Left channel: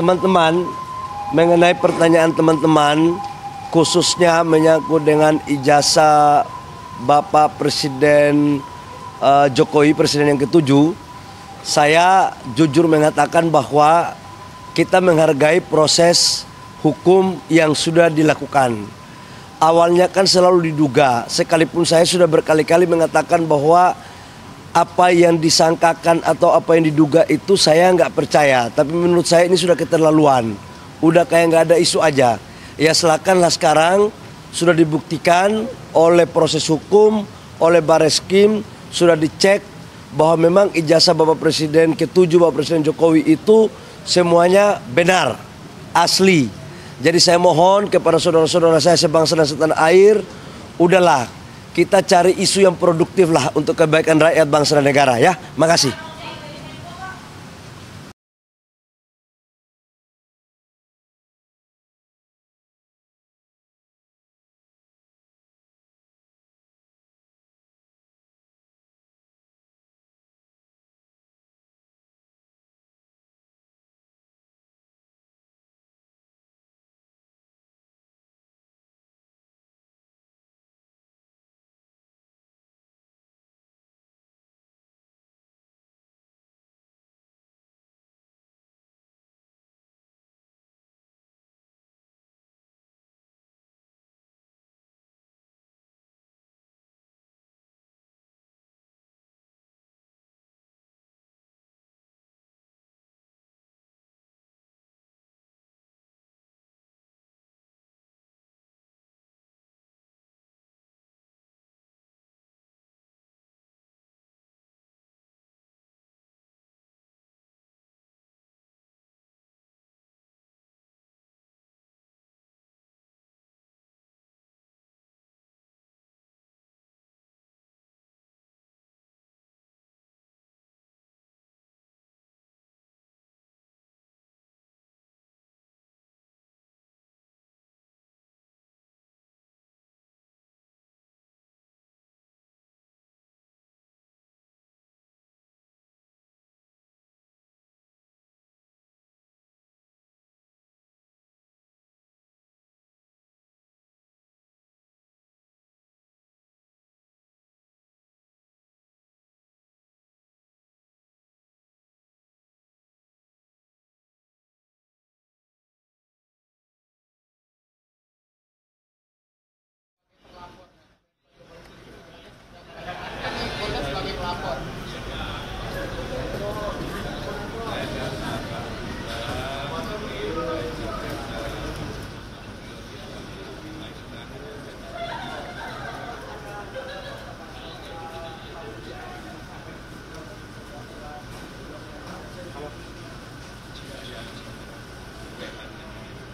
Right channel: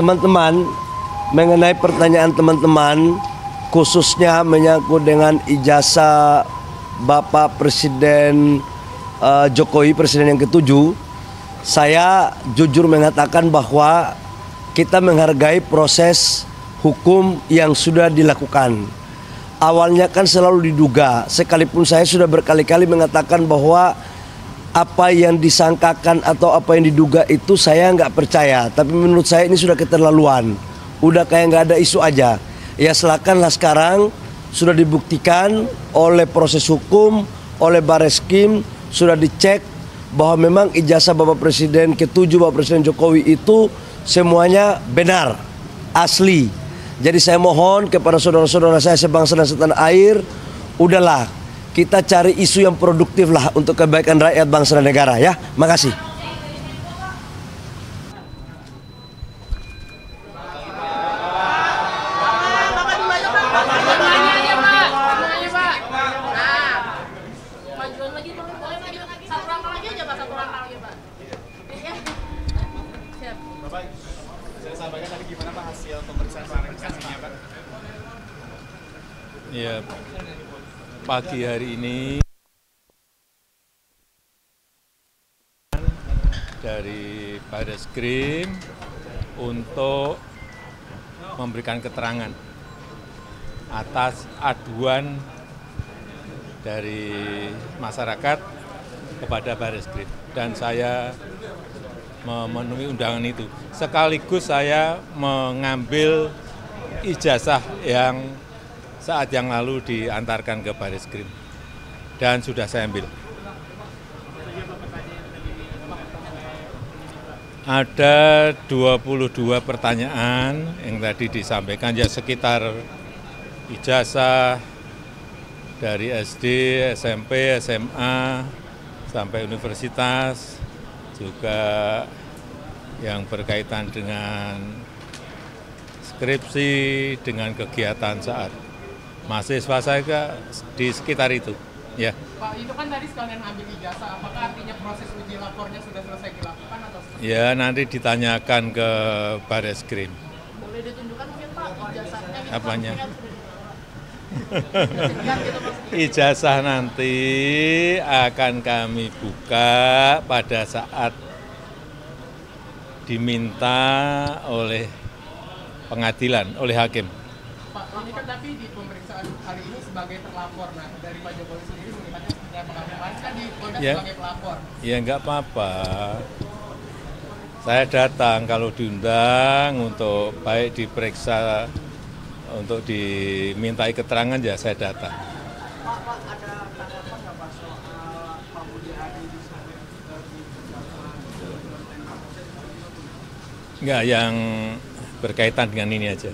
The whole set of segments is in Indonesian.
Teman-teman, mengenai pertanyaan teman-teman khususnya menyangkut dengan ijazah Bapak Presiden Jokowi, Presiden yang ke-7, saya jujur mengatakan bahwa kita menghargai proses hukum yang sudah dilakukan. Awalnya kan selalu diduga, sekalipun saya sudah berkali-kali mengatakan bahwa apa yang disangkakan atau apa yang diduga itu saya nggak percaya. Tapi menurut saya ini sudah keterlaluan. Udah kayak nggak ada isu aja. Ya silakanlah, sekarang sudah dibuktikan oleh proses hukum, oleh Bareskrim, sudah dicek bahwa memang ijazah Bapak Presiden ke-7, Bapak Presiden Jokowi itu semuanya benar, asli. Jadi saya mohon kepada saudara-saudara saya sebangsa dan setanah air, udahlah, kita cari isu yang produktif lah untuk kebaikan rakyat, bangsa dan negara ya. Makasih. Ya, pagi hari ini dari Bareskrim untuk memberikan keterangan atas aduan dari masyarakat kepada Bareskrim, dan saya memenuhi undangan itu. Sekaligus saya mengambil ijazah yang saat yang lalu diantarkan ke Bareskrim dan sudah saya ambil. Ada 22 pertanyaan yang tadi disampaikan, ya sekitar ijazah dari SD, SMP, SMA, sampai universitas, juga yang berkaitan dengan skripsi, dengan kegiatan saat mahasiswa saya di sekitar itu. Ya. Pak, itu kan tadi sekalian ambil ijazah, apakah artinya proses uji lapornya sudah selesai dilakukan atau seperti? Ya, nanti ditanyakan ke Bareskrim. Boleh ditunjukkan mungkin Pak ijazahnya? Gitu, apanya? Gitu, ijazah nanti akan kami buka pada saat diminta oleh pengadilan, oleh hakim. Pak, ini kan tapi di pemeriksaan kali ini sebagai terlapor, nah dari Pak Jokowi sendiri melihatnya seperti apa? Kemarin kan di Polda sebagai pelapor. Ya nggak apa-apa. Saya datang kalau diundang untuk baik diperiksa, untuk dimintai keterangan, ya saya datang. Enggak, yang berkaitan dengan ini aja.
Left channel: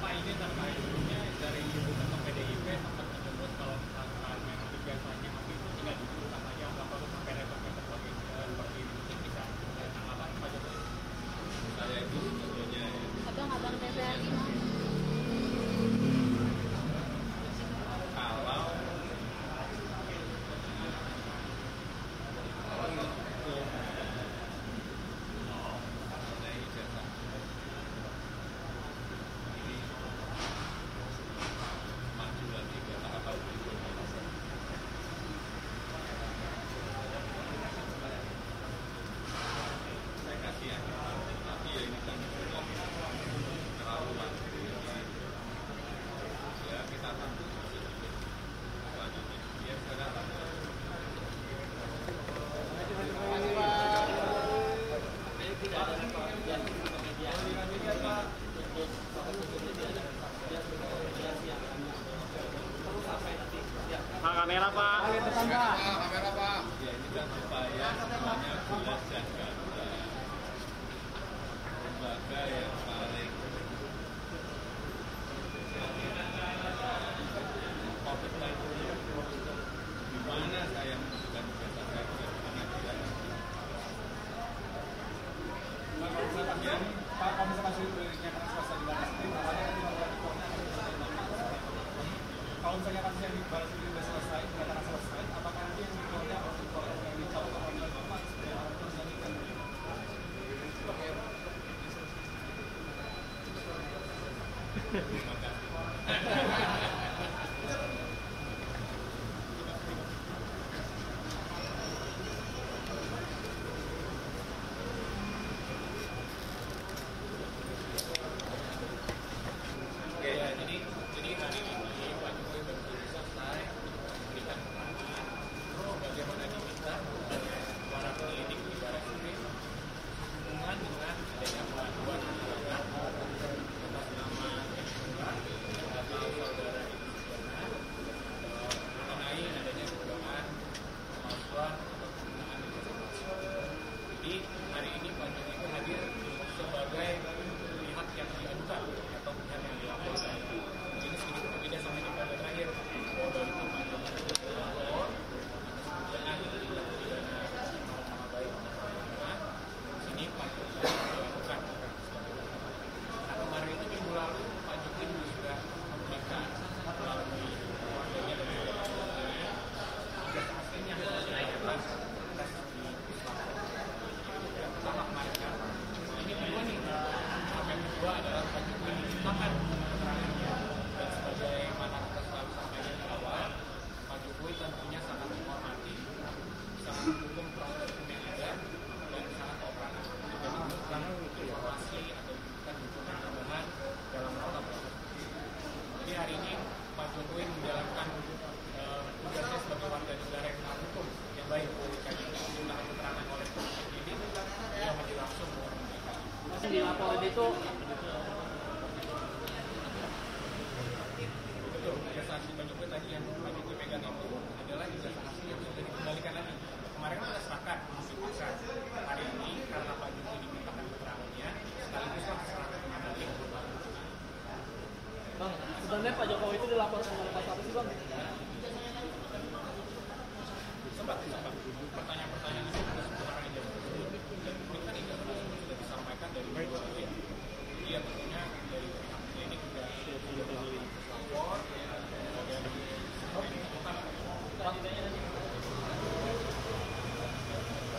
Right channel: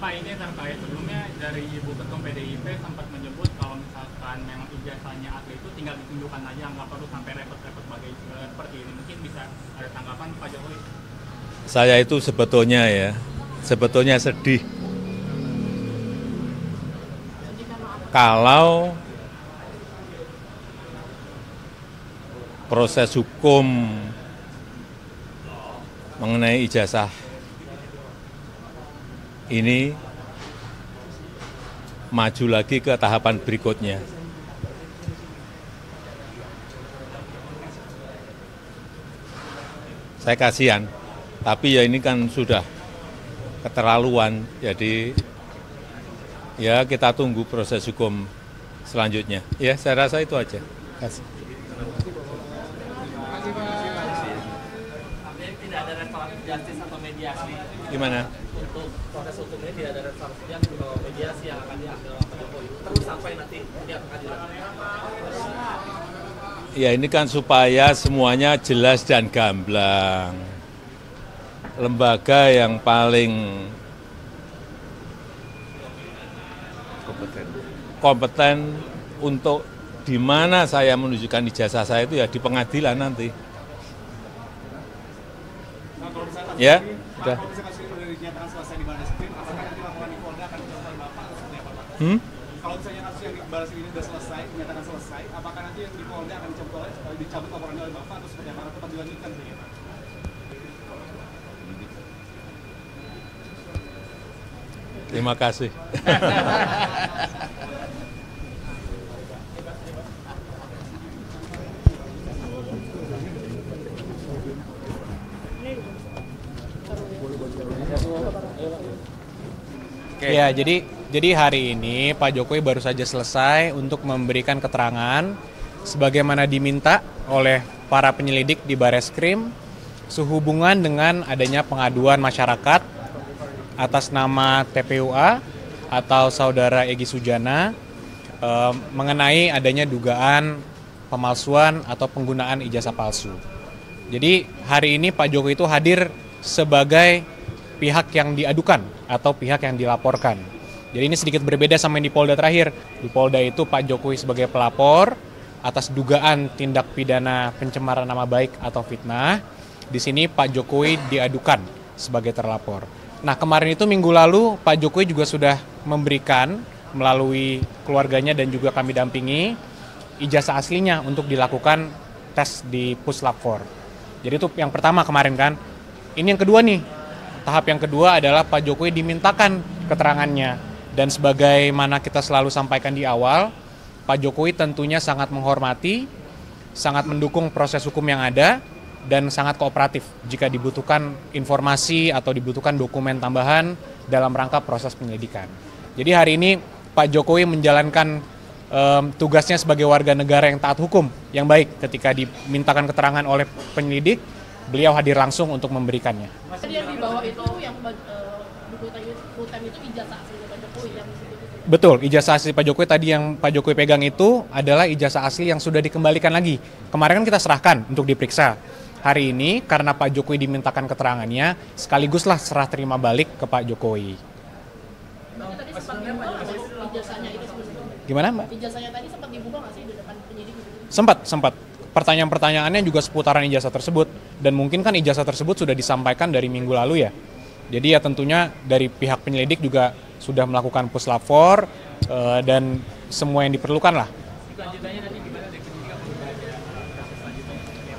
Pak, ini terkait sebelumnya dari Ibu Ketum PDIP sempat menyebut kalau misalkan memang ijazahnya asli itu tinggal ditunjukkan aja, nggak perlu sampai repot-repot seperti ini. Mungkin bisa ada tanggapan Pak Jokowi? Saya itu sebetulnya sedih kalau proses hukum mengenai ijazah ini maju lagi ke tahapan berikutnya. Saya kasihan, tapi ya ini kan sudah keterlaluan, jadi ya kita tunggu proses hukum selanjutnya. Ya, saya rasa itu aja. Terima kasih. Tidak ada rekonsiliasi sama mediasi. Gimana? Untuk proses hukumnya tidak ada rekonsiliasi atau mediasi yang akan diambil oleh Pak Jokowi. Terus sampai nanti dia akan Ya, ini kan supaya semuanya jelas dan gamblang. Lembaga yang paling kompeten untuk di mana saya menunjukkan ijazah saya itu ya di pengadilan nanti. Ya, sudah. Kalau misalnya kasus yang di Bareskrim ini sudah selesai, dinyatakan selesai, apakah nanti yang di Polda akan dicabut laporannya oleh Bapak atau seperti apa? Tetap dilanjutkan? Terima kasih. Ya, jadi hari ini Pak Jokowi baru saja selesai untuk memberikan keterangan sebagaimana diminta oleh para penyelidik di Bareskrim sehubungan dengan adanya pengaduan masyarakat atas nama TPUA atau Saudara Egy Sujana mengenai adanya dugaan pemalsuan atau penggunaan ijazah palsu. Jadi hari ini Pak Jokowi itu hadir sebagai pihak yang diadukan atau pihak yang dilaporkan. Jadi ini sedikit berbeda sama yang di Polda terakhir. Di Polda itu Pak Jokowi sebagai pelapor atas dugaan tindak pidana pencemaran nama baik atau fitnah. Di sini Pak Jokowi diadukan sebagai terlapor. Nah, kemarin itu minggu lalu Pak Jokowi juga sudah memberikan melalui keluarganya dan juga kami dampingi ijazah aslinya untuk dilakukan tes di Puslap 4. Jadi itu yang pertama kemarin kan. Ini yang kedua nih. Tahap yang kedua adalah Pak Jokowi dimintakan keterangannya. Dan sebagaimana kita selalu sampaikan di awal, Pak Jokowi tentunya sangat menghormati, sangat mendukung proses hukum yang ada, dan sangat kooperatif jika dibutuhkan informasi atau dibutuhkan dokumen tambahan dalam rangka proses penyelidikan. Jadi hari ini Pak Jokowi menjalankan tugasnya sebagai warga negara yang taat hukum, yang baik. Ketika dimintakan keterangan oleh penyelidik, beliau hadir langsung untuk memberikannya. Tadi yang dibawa itu yang buku itu ijazah asli Pak Jokowi yang Betul, ijazah asli Pak Jokowi tadi yang Pak Jokowi pegang itu adalah ijazah asli yang sudah dikembalikan lagi. Kemarin kan kita serahkan untuk diperiksa. Hari ini karena Pak Jokowi dimintakan keterangannya, sekaliguslah serah terima balik ke Pak Jokowi. Gimana Mbak? ijazahnya tadi sempat dibuka nggak sih di depan penyidik? Sempat. Pertanyaan-pertanyaannya juga seputaran ijazah tersebut. Dan mungkin kan ijazah tersebut sudah disampaikan dari minggu lalu ya. Jadi ya tentunya dari pihak penyelidik juga sudah melakukan Puslap 4 dan semua yang diperlukan lah.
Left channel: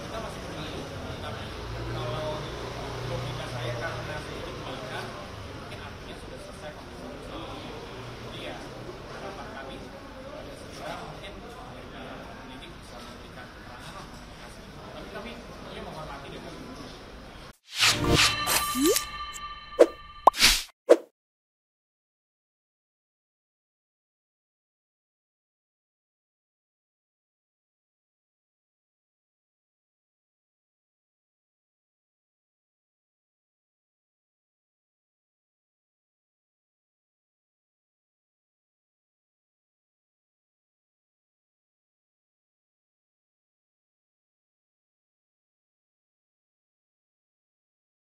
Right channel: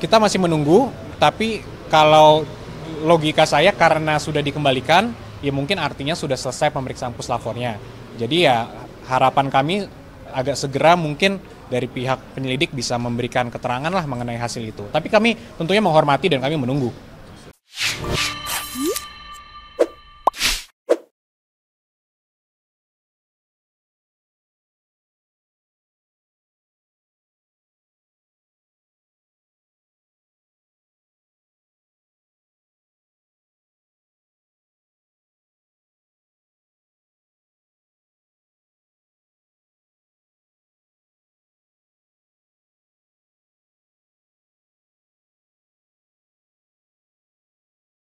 Kita masih menunggu, tapi kalau logika saya karena sudah dikembalikan, ya mungkin artinya sudah selesai pemeriksaan Puslap 4-nya. Jadi ya harapan kami agak segera mungkin dari pihak penyelidik bisa memberikan keterangan lah mengenai hasil itu. Tapi kami tentunya menghormati dan kami menunggu.